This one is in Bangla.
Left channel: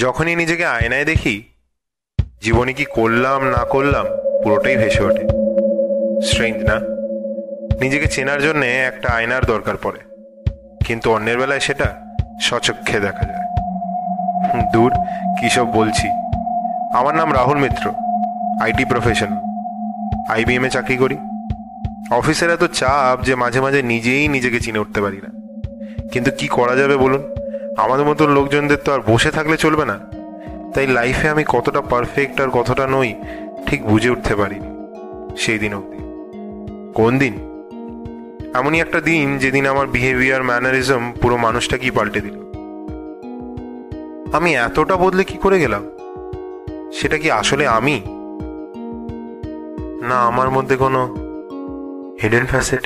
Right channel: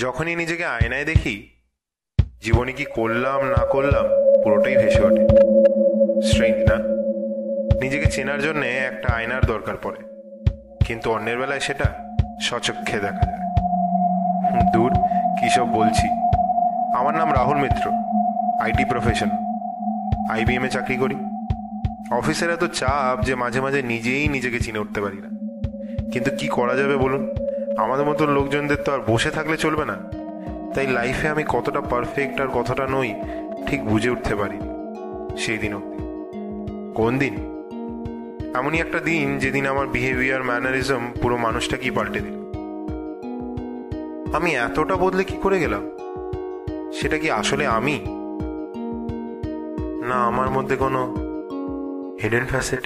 যখনই নিজেকে আয়নায় দেখি, জীবনে কি করলাম না করলাম পুরোটাই ভেসে ওঠে। স্ট্রেঞ্জ না? নিজেকে চেনার জন্য একটা আয়নার দরকার পড়ে, কিন্তু অন্যের বেলায় সেটা স্বচক্ষে দেখা যায়। দূর, কি সব বলছি। আমার নাম রাহুল মিত্র, আইটি প্রফেশন, আইবিএম এ চাকরি করি। অফিসের এত চাপ যে মাঝে মাঝে নিজেই নিজেকে চিনে উঠতে পারি না। কিন্তু কি করা যাবে বলুন, আমাদের মতো লোকজনদের তো আর বসে থাকলে চলবে না। তাই লাইফে আমি কতটা পারফেক্ট আর কতটা নই ঠিক বুঝে উঠতে পারি সেই দিন অব্দি। কোন দিন? এমনই একটা দিন যেদিন আমার বিহেভিয়ার, ম্যানারিজম পুরো মানুষটা কি পাল্টে দিল। আমি এতটা বদলে কি করে গেলাম? সেটা কি আসলে আমি, না আমার মধ্যে কোনো হিডেন ফ্যাসেট?